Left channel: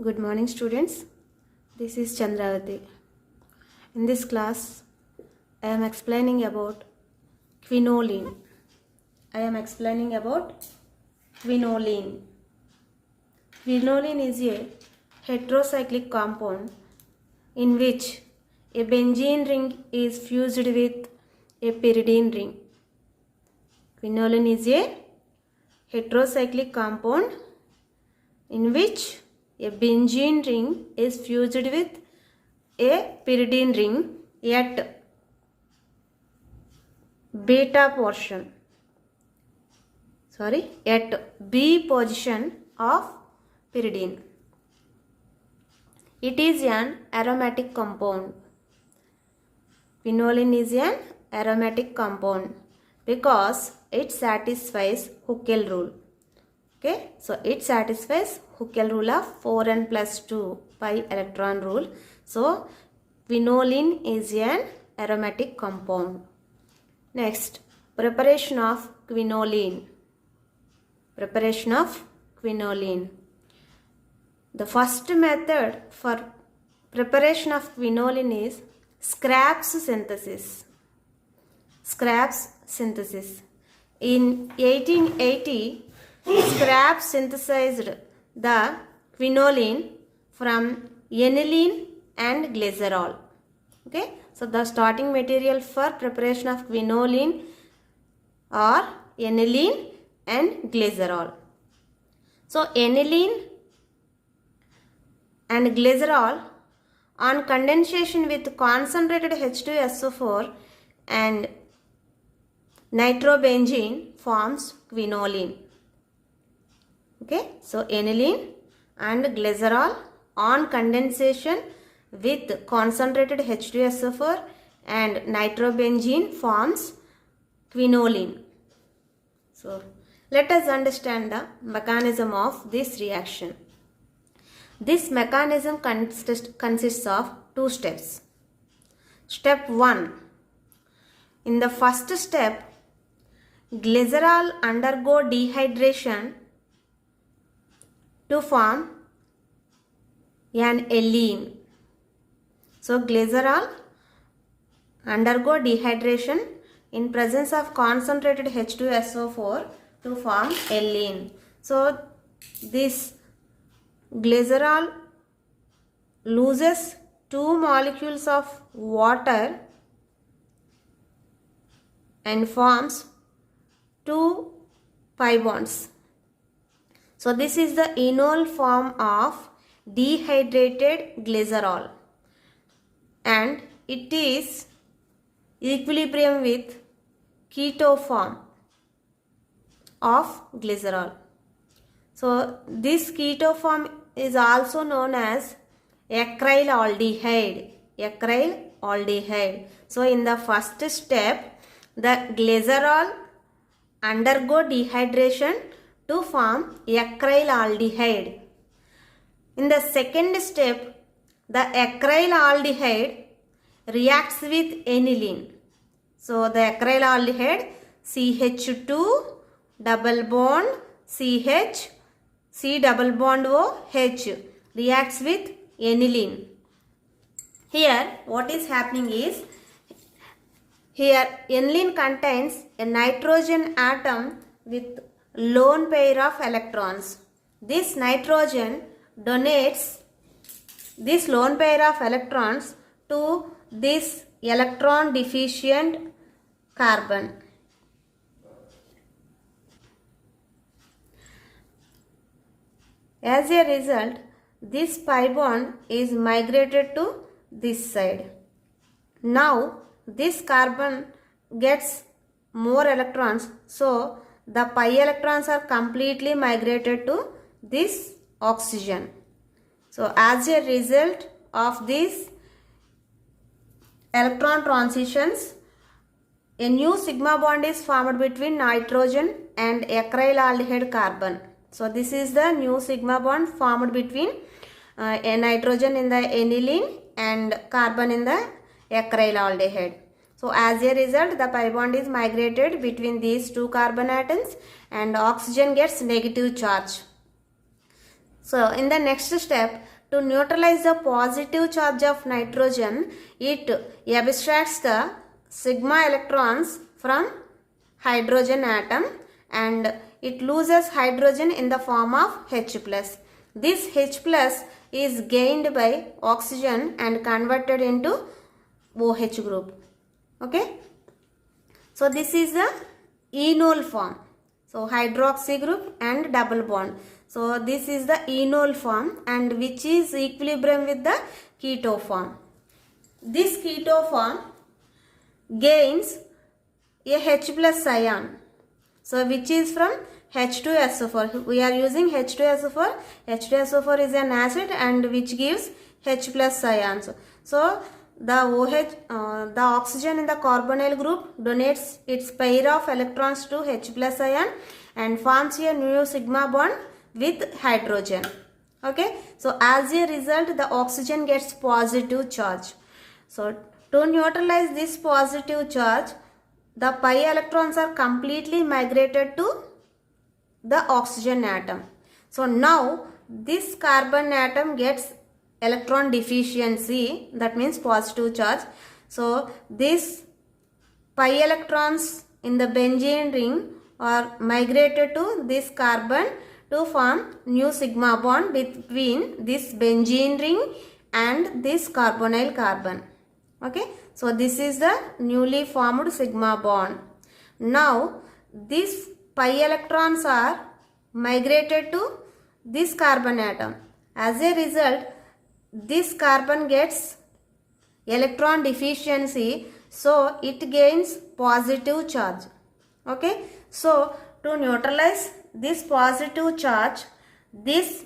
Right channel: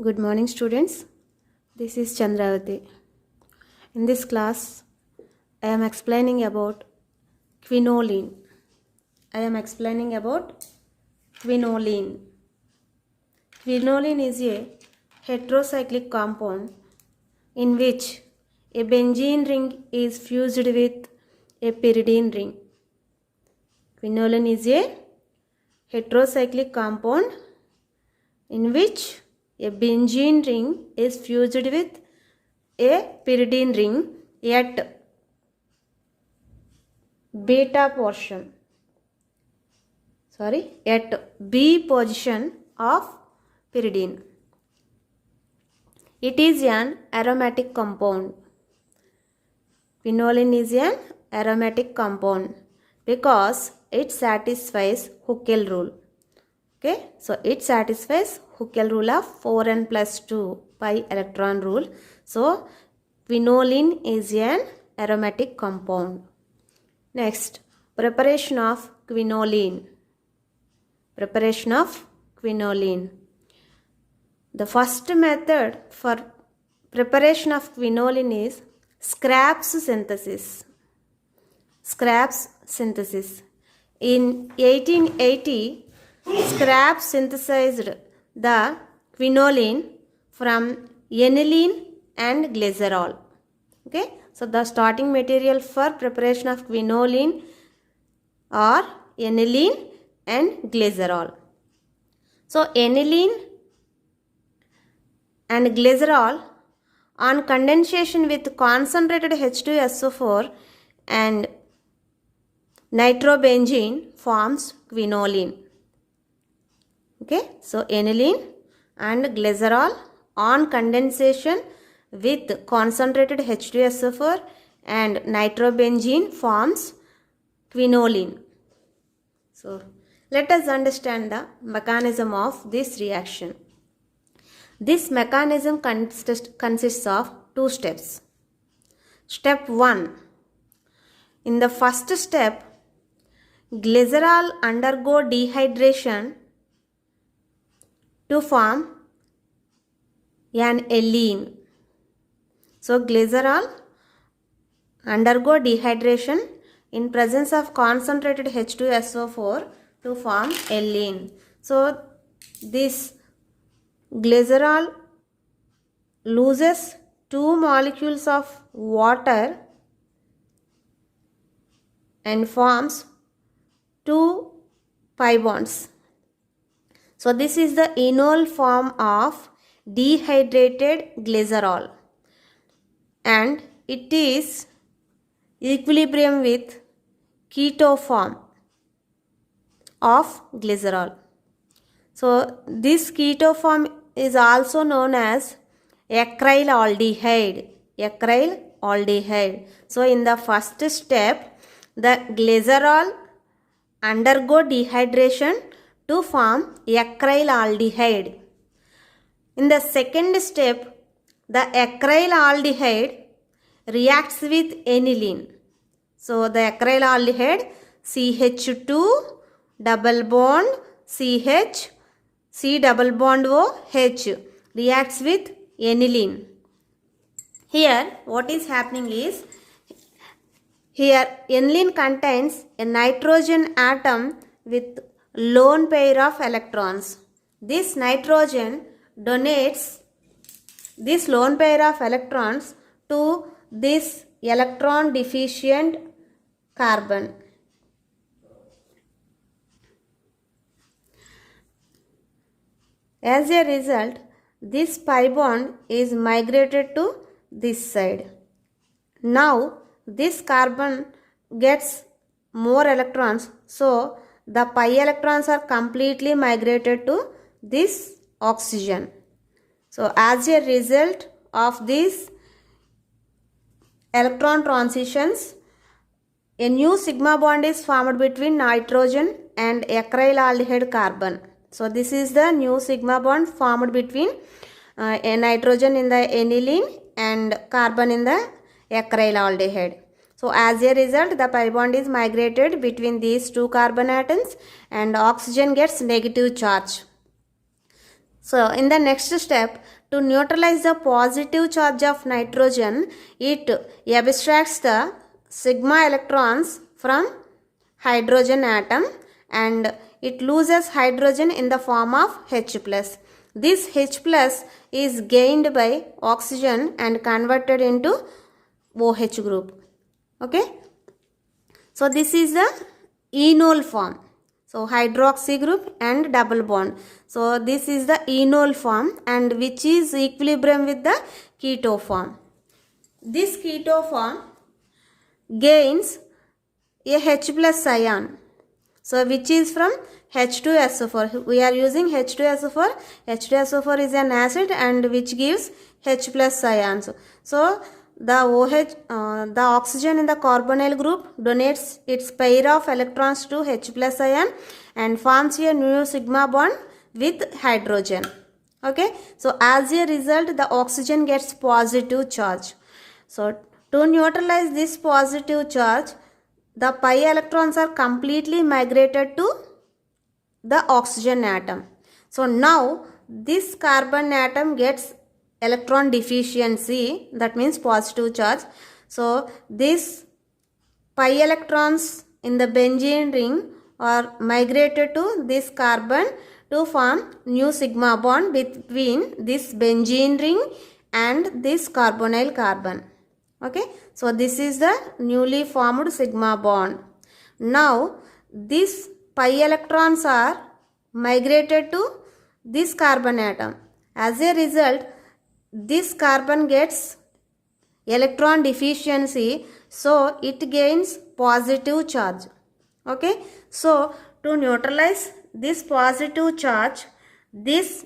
Good morning, students. This is Chandravati. In this class, I am explaining about quinoline. Quinoline. Quinoline is a heterocyclic compound in which a benzene ring is fused with a pyridine ring. Quinoline is a heterocyclic compound in which a benzene ring is fused with a pyridine ring at B position of pyridine. It is an aromatic compound. Quinoline is an aromatic compound because it satisfies Huckel rule. Okay, so it satisfies Huckel rule of 4n plus 2 pi electron rule. So, quinoline is an aromatic compound. Next, preparation of quinoline. The first method for preparation of quinoline is Scraps synthesis. In 1880, Scraps synthesized the quinoline from aniline and glycerol. Okay, so the starting material for preparation of quinoline are aniline and glycerol. So aniline and glycerol on condensation with concentrated H2SO4 and nitrobenzene forms quinoline. Okay, so aniline and glycerol on condensation with concentrated H2SO4 and nitrobenzene forms quinoline. So let us understand the mechanism of this reaction. This mechanism consists of two steps. Step 1. In the first step, glycerol undergo dehydration to form an alene. So glycerol undergo dehydration in presence of concentrated H2SO4 to form alene. So this glycerol loses 2 molecules of water and forms 2 pi bonds. So this is the enol form of dehydrated glycerol and it is equilibrium with keto form of glycerol. So this keto form is also known as acrylaldehyde. So in the first step, the glycerol undergo dehydration to form acrylaldehyde. In the second step, the acrylaldehyde reacts with aniline. So the acrylaldehyde CH2 double bond CH C double bond OH reacts with aniline. Here what is happening is, here aniline contains a nitrogen atom with lone pair of electrons. This nitrogen donates this lone pair of electrons to this electron deficient carbon. As a result, this pi bond is migrated to this side. Now this carbon gets more electrons, so the pi electrons are completely migrated to this oxygen. So as a result of these electron transitions, a new sigma bond is formed between nitrogen and acrylaldehyde carbon. So this is the new sigma bond formed between a nitrogen in the aniline and carbon in the acrylaldehyde. So as a result, the pi bond is migrated between these two carbon atoms and oxygen gets negative charge. So in the next step, to neutralize the positive charge of nitrogen, it abstracts the sigma electrons from hydrogen atom and it loses hydrogen in the form of H+. This H+ is gained by oxygen and converted into OH group. Okay. So this is the enol form. So hydroxy group and double bond. So this is the enol form and which is equilibrium with the keto form. This keto form gains a H+ ion. So which is from H2SO4. We are using H2SO4. H2SO4 is an acid and which gives H+ ions. So the oxygen in the carbonyl group donates its pair of electrons to H+ ion and forms a new sigma bond with hydrogen. Okay. So as a result, the oxygen gets positive charge. So to neutralize this positive charge, the pi electrons are completely migrated to the oxygen atom. So now this carbon atom gets electron deficiency, that means positive charge. So this pi electrons in the benzene ring are migrated to this carbon to form new sigma bond between this benzene ring and this carbonyl carbon. Okay. So this is the newly formed sigma bond. Now these pi electrons are migrated to this carbon atom. As a result, this carbon gets electron deficiency, so it gains positive charge. Okay. So to neutralize this positive charge, this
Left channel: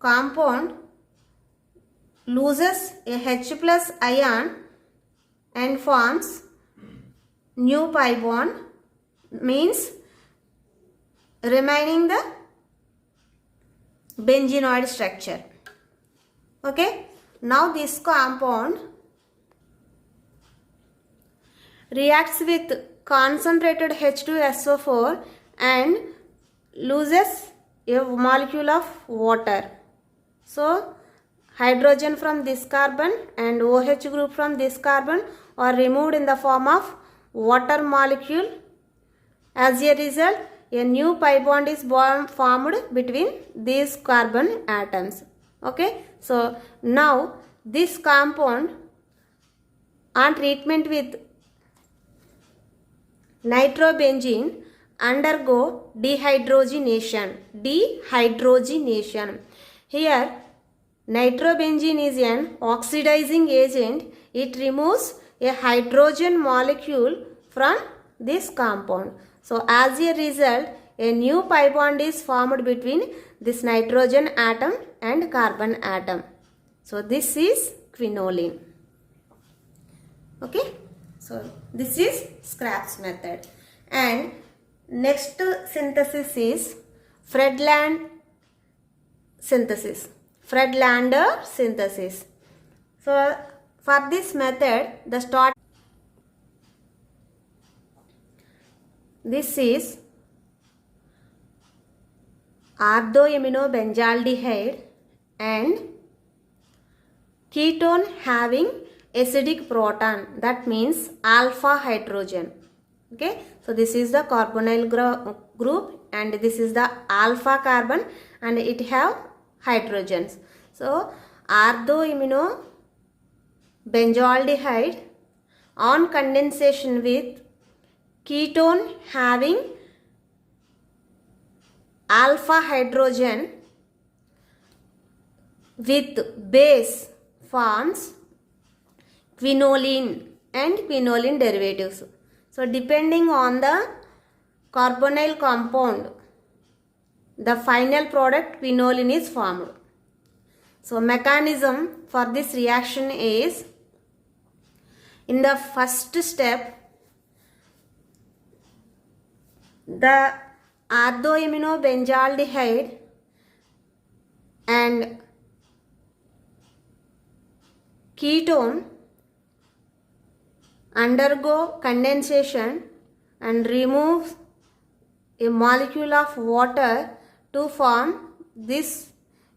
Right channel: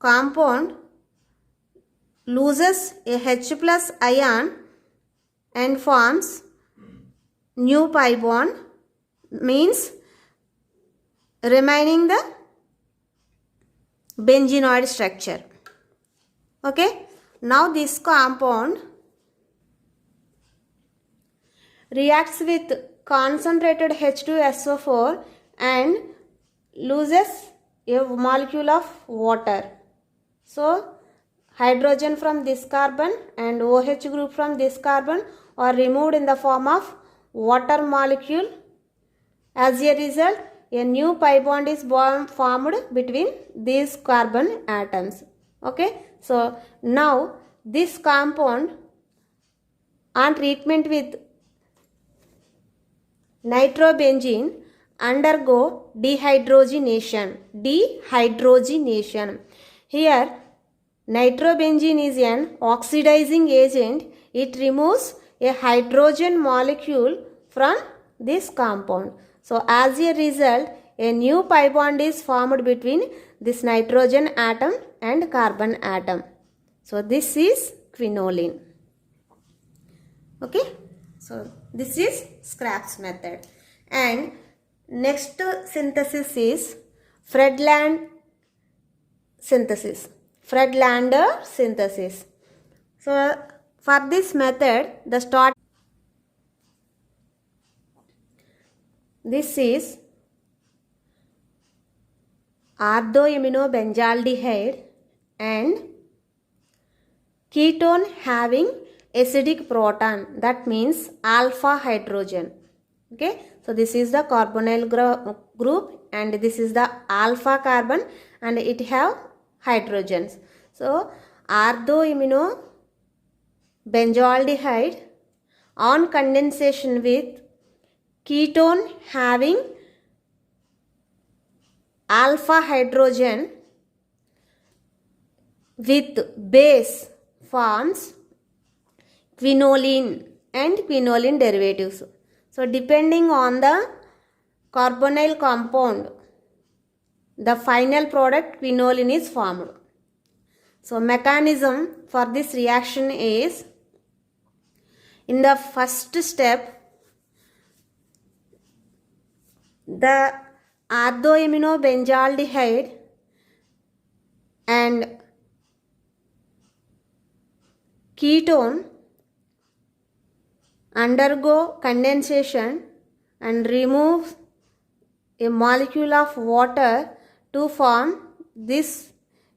compound loses a H+ ion and forms new pi bond, means remaining the benzenoid structure. Okay. Now this compound reacts with concentrated H2SO4 and loses a molecule of water. So hydrogen from this carbon and OH group from this carbon are removed in the form of water molecule. As a result, a new pi bond is formed between these carbon atoms. Okay. So now this compound on treatment with nitrobenzene undergo dehydrogenation. Here nitrobenzene is an oxidizing agent. It removes a hydrogen molecule from this compound. So as a result, a new pi bond is formed between this nitrogen atom and carbon atom. So this is quinoline. Okay. So this is Scrapp's method. And next synthesis is Friedlander synthesis. So for this method, this is orthoaminobenzaldehyde and ketone having acidic proton, that means alpha hydrogen. Okay. So this is the carbonyl group and this is the alpha carbon and it have hydrogens. So orthoaminobenzaldehyde on condensation with ketone having alpha hydrogen with base forms quinoline and quinoline derivatives. So depending on the carbonyl compound, the final product quinoline is formed. So mechanism for this reaction is, in the first step, the orthoaminobenzaldehyde and ketone undergo condensation and remove a molecule of water to form this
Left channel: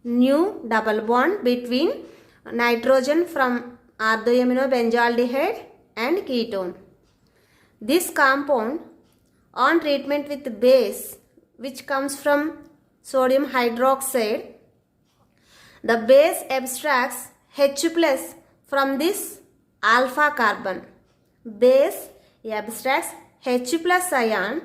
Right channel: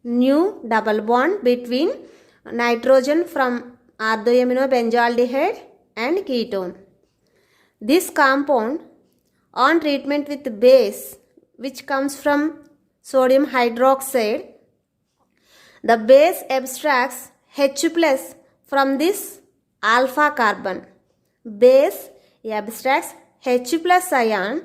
new double bond between nitrogen from orthoaminobenzyaldehyde and ketone. This compound on treatment with base which comes from sodium hydroxide, the base abstracts H plus from this alpha carbon. Base abstracts H plus ion.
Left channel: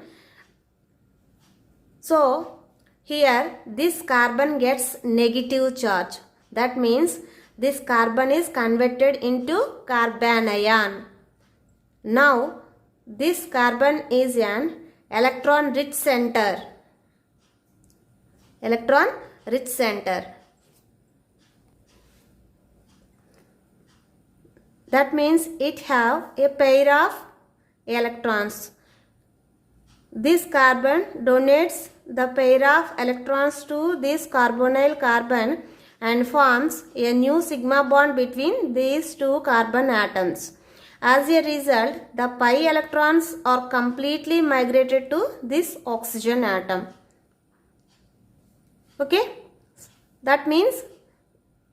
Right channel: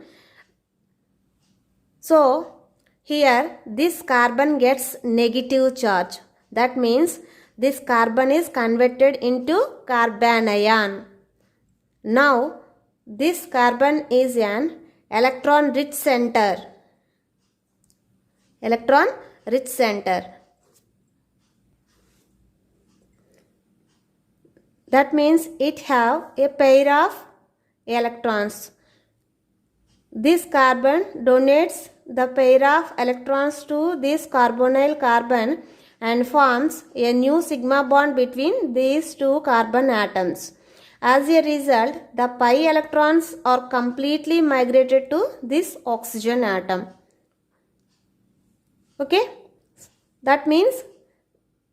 So here this carbon gets negative charge. That means this carbon is converted into carbanion. Now this carbon is an electron rich center. Electron rich center. That means it have a pair of electrons. This carbon donates the pair of electrons to this carbonyl carbon and forms a new sigma bond between these two carbon atoms. As a result, the pi electrons are completely migrated to this oxygen atom. Okay? That means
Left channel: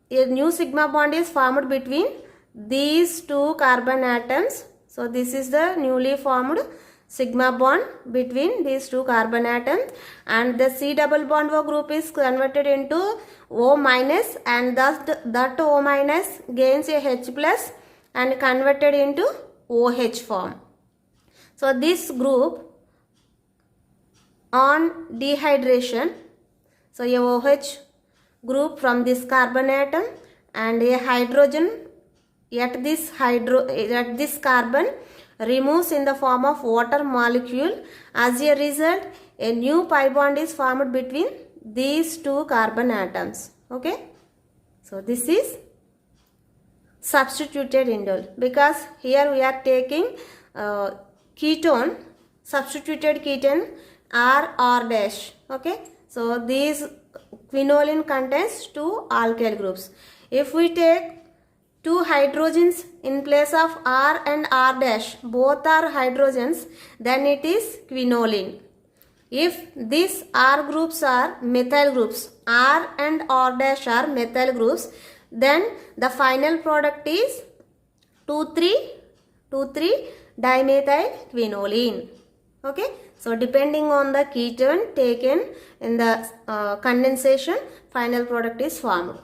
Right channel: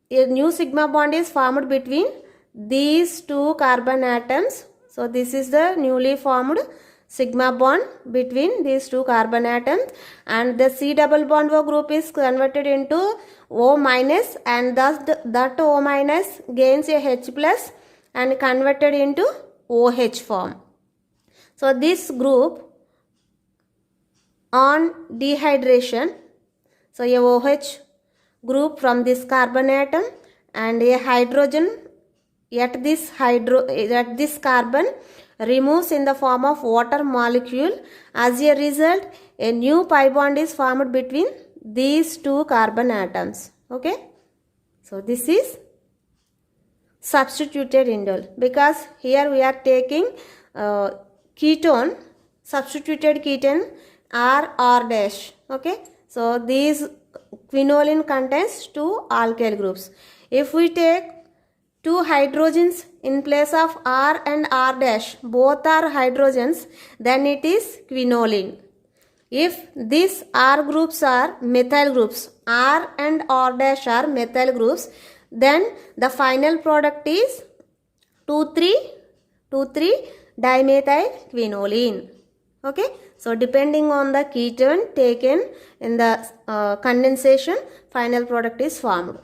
a new sigma bond is formed between these two carbon atoms. So this is the newly formed sigma bond between these two carbon atoms, and the C double bond O group is converted into O minus, and thus that O minus gains a H plus and converted into OH form. So this group on dehydration, so a OH group from this carbon atom and a hydrogen at this carbon removes in the form of water molecule. As a result, a new pi bond is formed between these two carbon atoms. Okay, so this is substituted indole, because here we are taking ketone, substituted ketone R dash. Okay, so these quinoline contains two alkyl groups. If we take two hydrogens in place of R and R dash, both are hydrogens, then it is quinoline. If these R groups are methyl groups, R and R dash are methyl groups, then the final product is 2,3-dimethyl quinoline. Okay, so depending on the ketone taken in the condensation, final product is formed.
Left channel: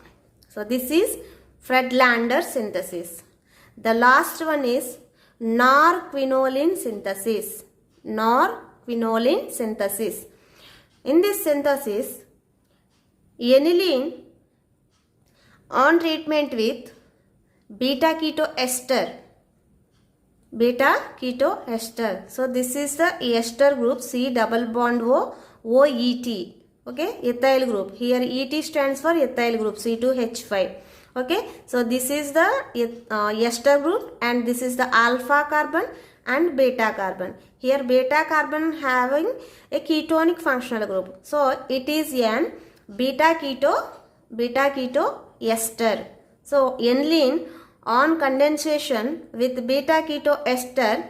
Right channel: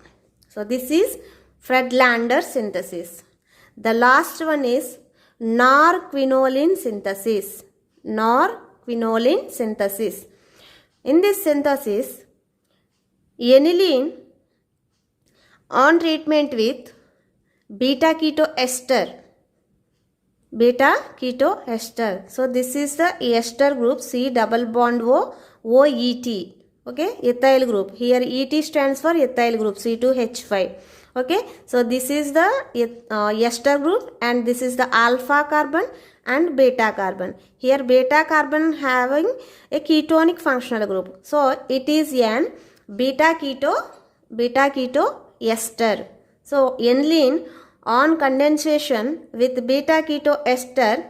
So this is Friedlander synthesis. The last one is norquinoline synthesis. Norquinoline synthesis. In this synthesis, aniline on treatment with beta keto ester. Beta keto ester. So this is the ester group, C double bond O, OET. Okay, ethyl group. Here ET stands for ethyl group, C2H5. Okay, so this is the ester group, and this is the alpha carbon and beta carbon. Here beta carbon having a ketonic functional group. So it is an beta keto ester. So aniline on condensation with beta keto ester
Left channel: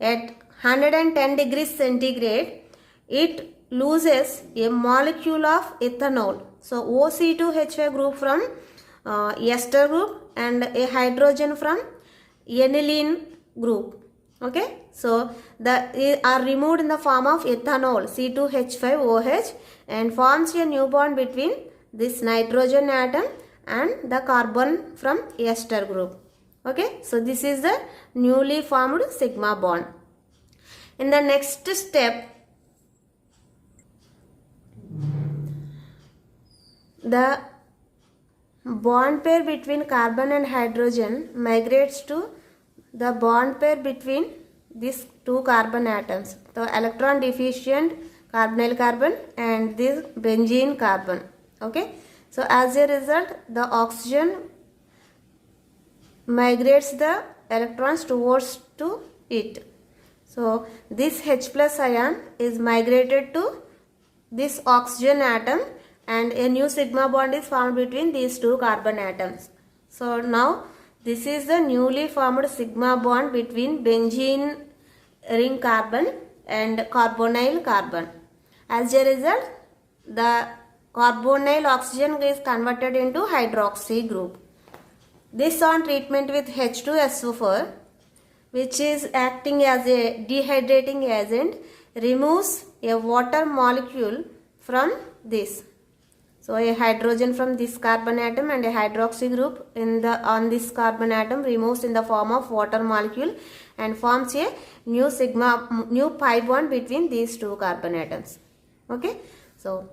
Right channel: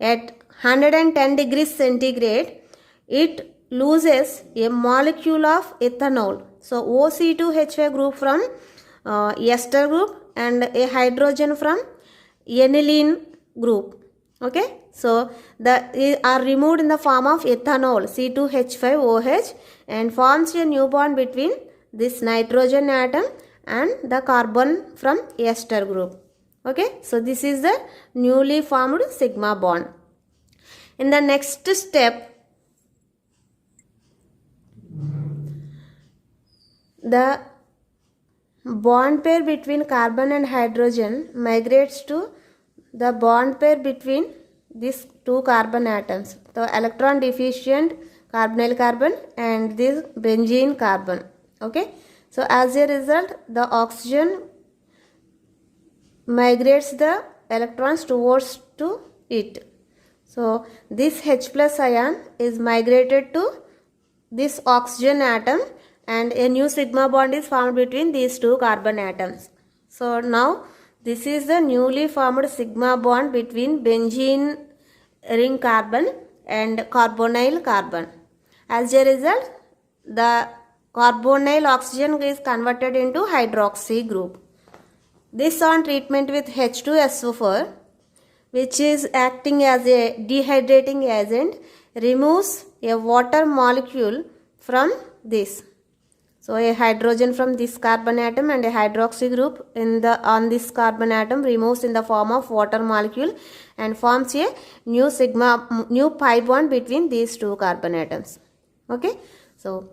at 110 degrees centigrade, it loses a molecule of ethanol. So OC2H5 group from ester group and a hydrogen from aniline group. Okay, so the are removed in the form of ethanol, C2H5OH, and forms a new bond between this nitrogen atom and the carbon from ester group. Okay, so this is the newly formed sigma bond. In the next step, the bond pair between carbon and hydrogen migrates to the bond pair between these two carbon atoms, the electron deficient carbonyl carbon and this benzene carbon. Okay, so as a result, the oxygen migrates the electrons towards to it. So this H plus ion is migrated to this oxygen atom, and a new sigma bond is formed between these two carbon atoms. So now this is the newly formed sigma bond between benzene ring carbon and carbonyl carbon. As a result, the carbonyl oxygen is converted into hydroxy group. This on treatment with H2SO4, which is acting as a dehydrating agent, removes a water molecule from this. So a hydrogen from this carbon atom and a hydroxy group on this carbon atom removes in the form of water molecule and forms a new pi bond between these two carbon atoms. Okay, so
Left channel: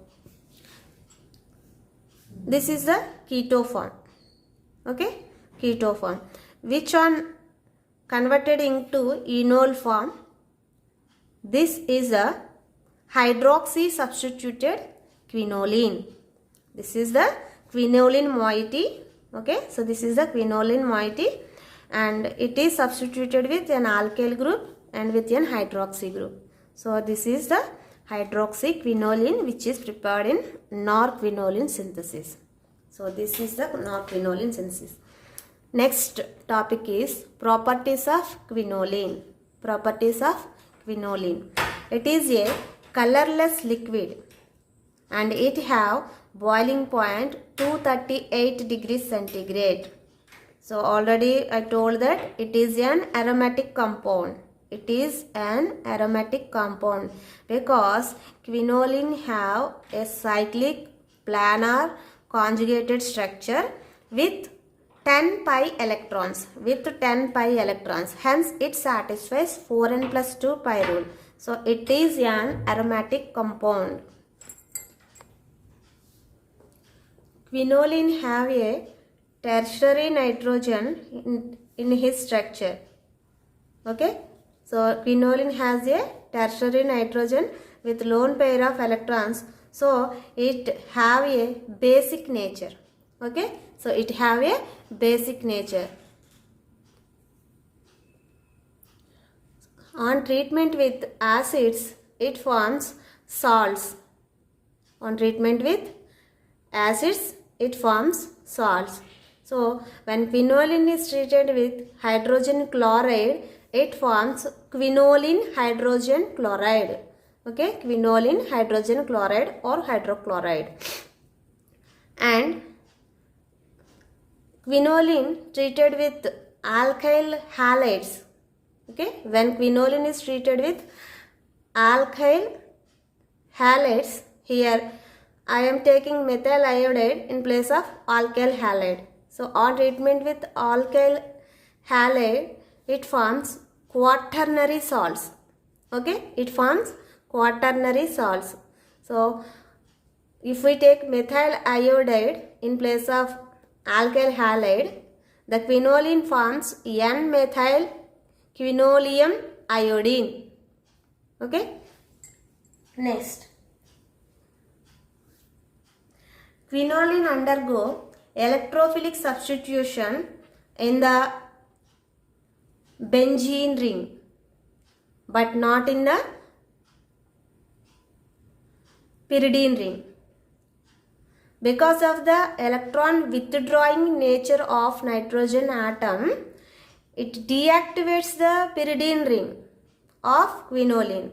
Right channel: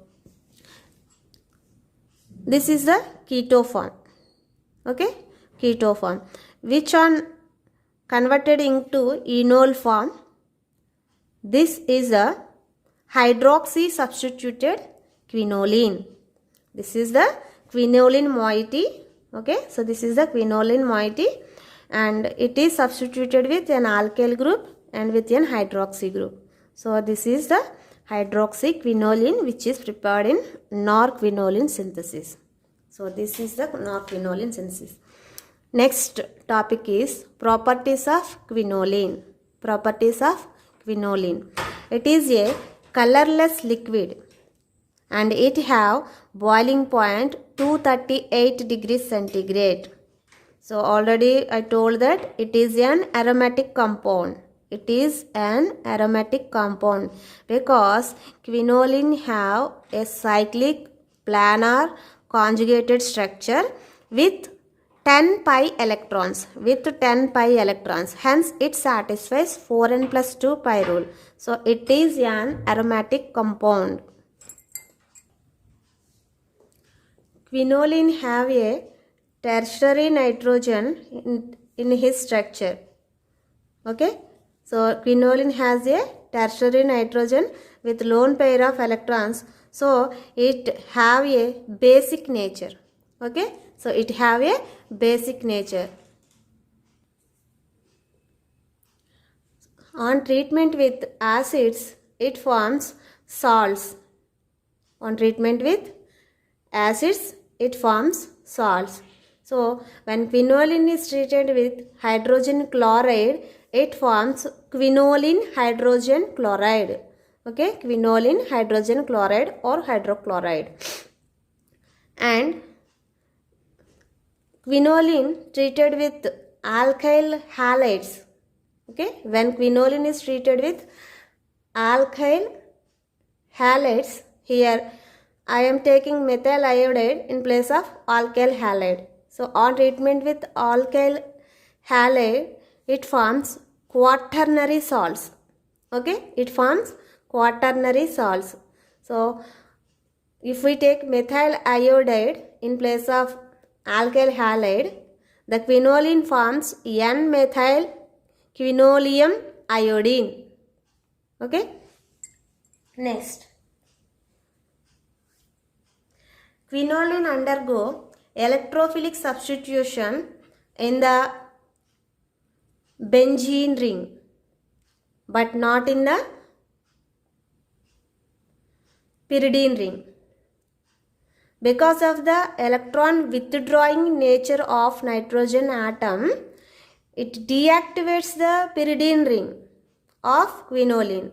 this is the keto form. Okay, keto form, which on converted into enol form, this is a hydroxy substituted quinoline. This is the quinoline moiety. Okay, so this is the quinoline moiety and it is substituted with an alkyl group and with an hydroxy group. So this is the hydroxyquinoline which is prepared in norquinoline synthesis. So this is the norquinoline synthesis. Next topic is properties of quinoline. Properties of quinoline. It is a colorless liquid and it have boiling point 238 degrees centigrade. So already I told that it is an aromatic compound. It is an aromatic compound because quinoline have a cyclic planar conjugated structure with 10 pi electrons. Hence it satisfies 4n plus 2 pi rule. So it is an aromatic compound. Quinoline have a tertiary nitrogen in his structure. Okay. So quinoline has a tertiary nitrogen with lone pair of electrons. So it have a basic nature. Okay. So it have a basic nature. On treatment with acids, it forms salts. On treatment with acids, it forms salts. So when quinoline is treated with hydrogen chloride, it forms quinoline hydrogen chloride. Okay, quinoline hydrogen chloride or hydrochloride. And quinoline treated with alkyl halides. Okay, when quinoline is treated with alkyl halides, here I am taking methyl iodide in place of alkyl halide. So on treatment with alkyl halide, it forms quaternary salts. Okay, it forms quaternary salts. So if we take methyl iodide in place of alkyl halide, the quinoline forms N-methyl quinoleum iodine. Okay. Next, quinoline undergo electrophilic substitution in the benzene ring, but not in the pyridine ring. Because of the electron withdrawing nature of nitrogen atom, it deactivates the pyridine ring of quinoline.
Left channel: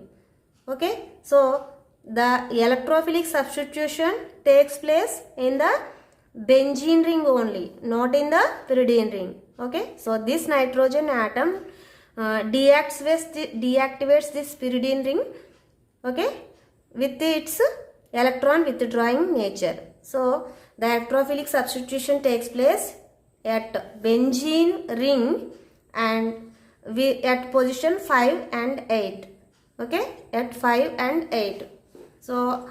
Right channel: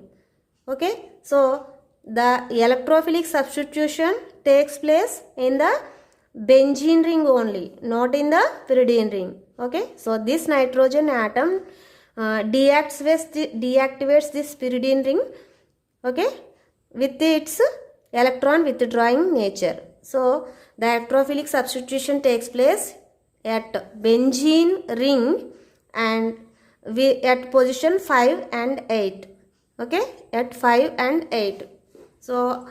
Okay, so the electrophilic substitution takes place in the benzene ring only, not in the pyridine ring. Okay, so this nitrogen atom deactivates this pyridine ring. Okay, with its electron withdrawing nature. So the electrophilic substitution takes place at benzene ring and at position 5 and 8. Okay, at 5 and 8. So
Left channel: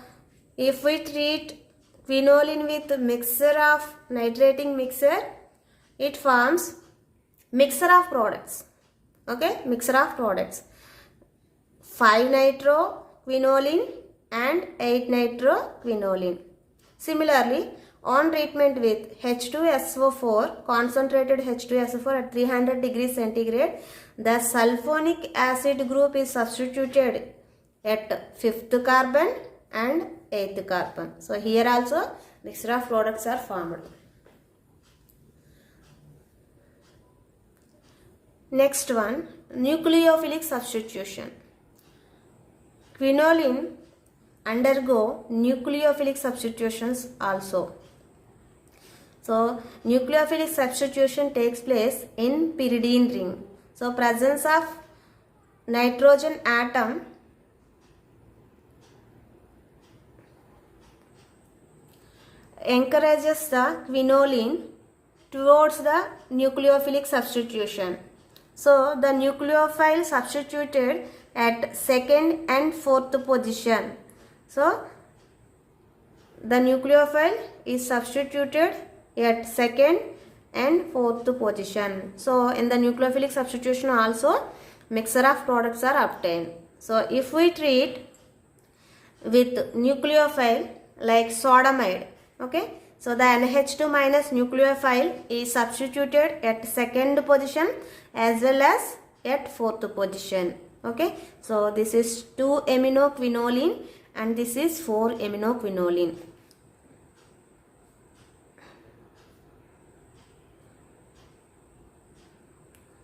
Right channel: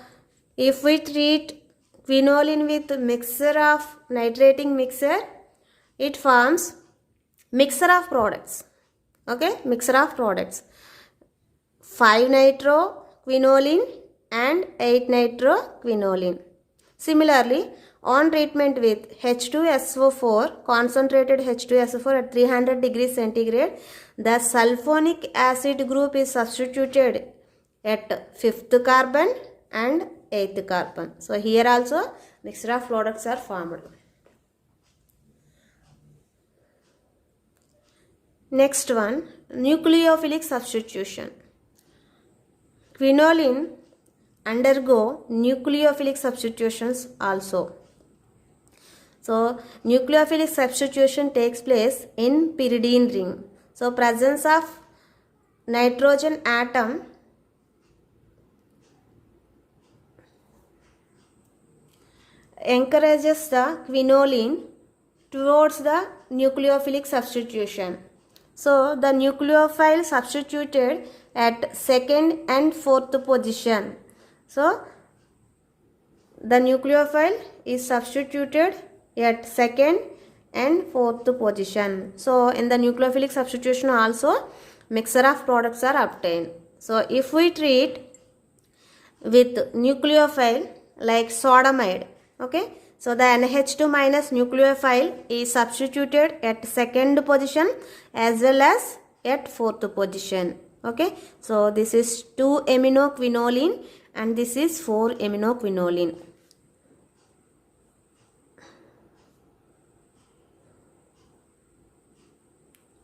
if we treat quinoline with mixture of nitrating mixture, it forms mixture of products. Okay, mixture of products, 5 nitro quinoline and 8 nitro quinoline. Similarly, on treatment with H2SO4, concentrated H2SO4 at 300 degrees centigrade, the sulfonic acid group is substituted at 5th carbon and 8th carbon. So here also mixture of products are formed. Next one, nucleophilic substitution. Quinoline undergo nucleophilic substitutions also. So nucleophilic substitution takes place in pyridine ring. So presence of nitrogen atom encourages the quinoline towards the nucleophilic substitution. So the nucleophile substituted at second and fourth position. So the nucleophile is substituted at second and fourth position. So in the nucleophilic substitution also mixture of products are obtained. So if we treat with nucleophile like sodamide, okay, so the NH2 minus nucleophile is substituted at second position as well as at fourth position. Okay, so this is 2-aminoquinoline and this is 4-aminoquinoline.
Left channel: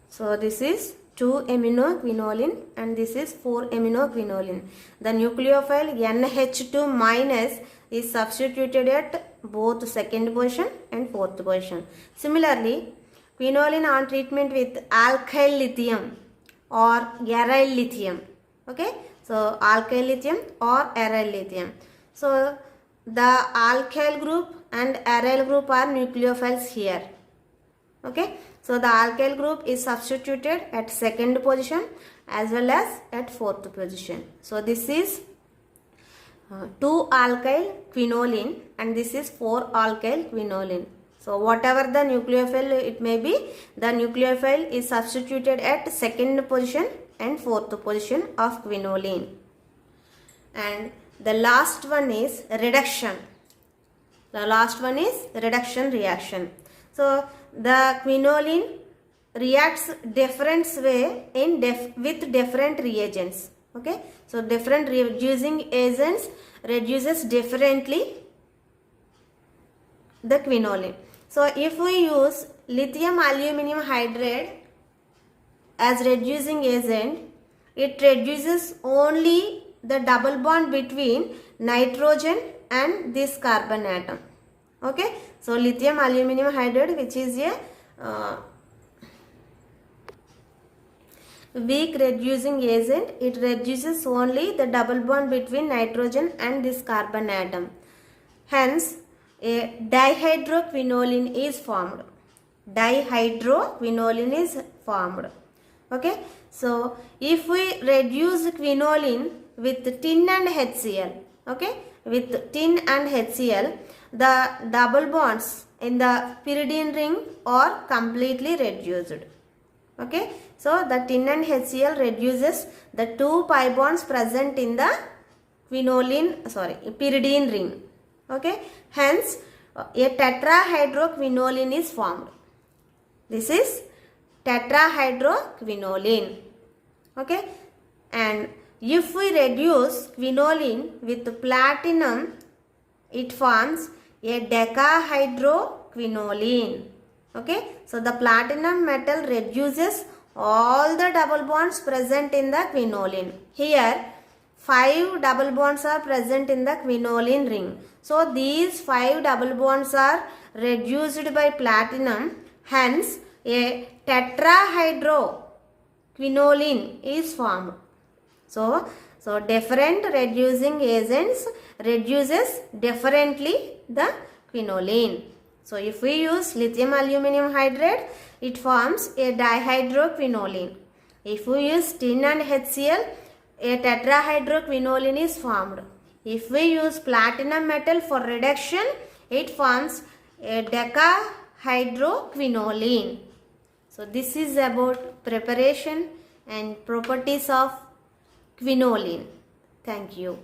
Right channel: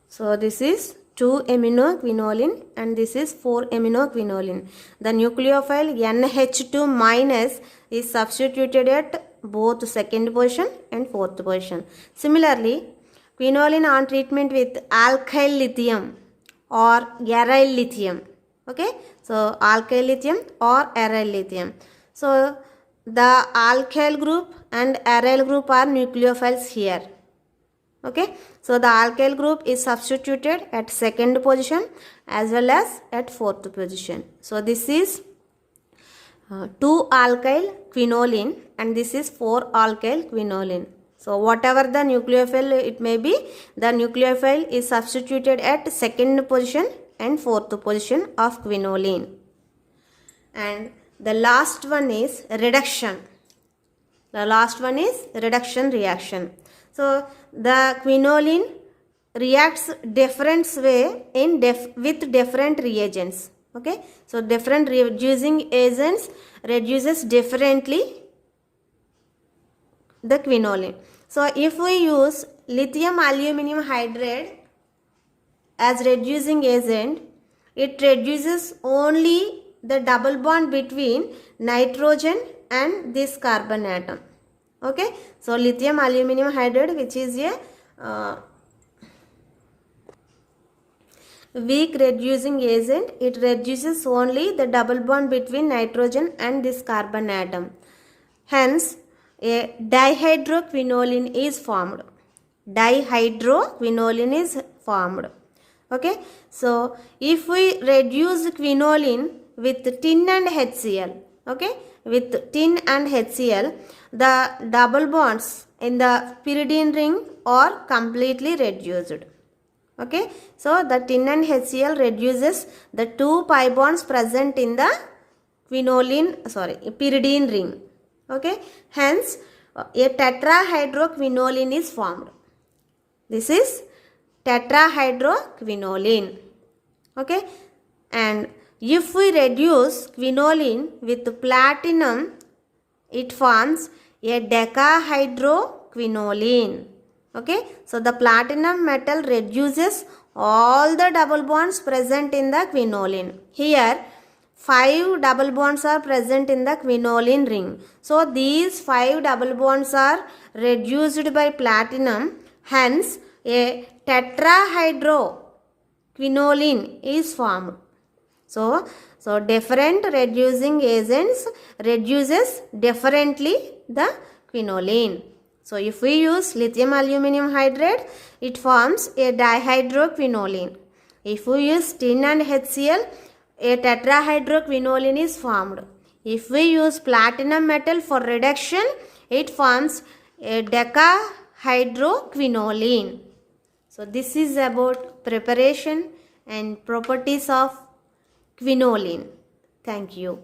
So this is 2-aminoquinoline and this is 4-aminoquinoline. The nucleophile NH2 minus is substituted at both second position and fourth position. Similarly, quinoline on treatment with alkyl lithium or aryl lithium. Okay, so alkyl lithium or aryl lithium. So the alkyl group and aryl group are nucleophiles here. Okay, so the alkyl group is substituted at second position as well as at fourth position. So this is 2-alkyl quinoline and this is 4-alkyl quinoline. So whatever the nucleophile it may be, the nucleophile is substituted at second position and fourth position of quinoline. And the last one is reduction. The last one is reduction reaction. So the quinoline reacts different way in with different reagents. Okay, so different reducing agents reduces differently the quinoline. So if we use lithium aluminum hydride as reducing agent, it reduces only the double bond between nitrogen and this carbon atom. Okay, so lithium aluminum hydride, which is a weak reducing agent, it reduces only the double bond between nitrogen and this carbon atom. Hence, a dihydroquinoline is formed. Dihydroquinoline is formed. Okay, so if we reduce quinoline with tin and HCl, okay, with tin and HCl, the double bonds in the pyridine ring are completely reduced. Okay, so the tin and HCl reduces the 2 pi bonds present in the pyridine ring. Okay, hence a tetrahydroquinoline is formed. This is tetrahydroquinoline. Okay, and if we reduce quinoline with platinum, it forms a decahydroquinoline. Okay, so the platinum metal reduces all the double bonds present in the quinoline. Here 5 double bonds are present in the quinoline ring. So these 5 double bonds are reduced by platinum. Hence a tetrahydroquinoline is formed. So different reducing agents reduces differently the quinoline. So if we use lithium aluminum hydride, it forms a dihydroquinoline. If we use tin and HCl, a tetrahydroquinoline is formed. If we use platinum metal for reduction, it forms a decahydroquinoline. So this is about preparation and properties of quinoline. Thank you.